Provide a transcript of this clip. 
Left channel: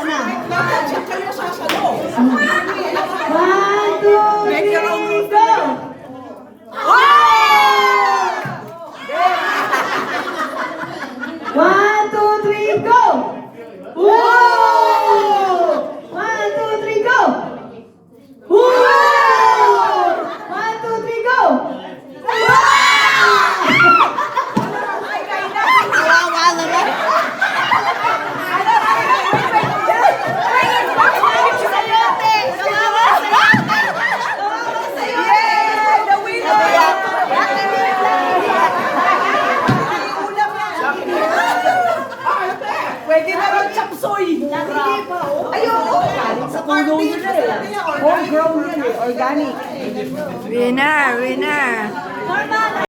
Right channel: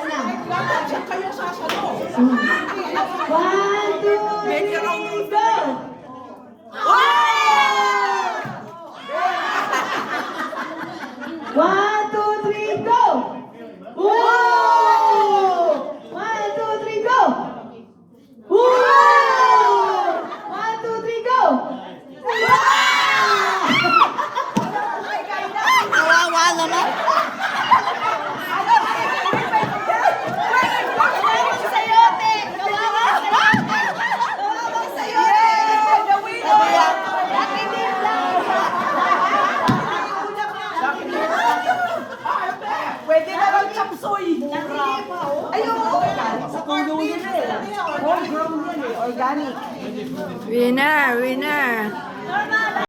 Dapat siya kayo sasalo. 1, 2, 3, go! One, two, three, go! Whoa! 1, 2, 3, go! Whoa! 1, 2, 3, go! Kawawa naman. Pwede na lang chapsoy. Ay, oo. Sa puno yun eh. Homegrown yan eh. Organic. Winner!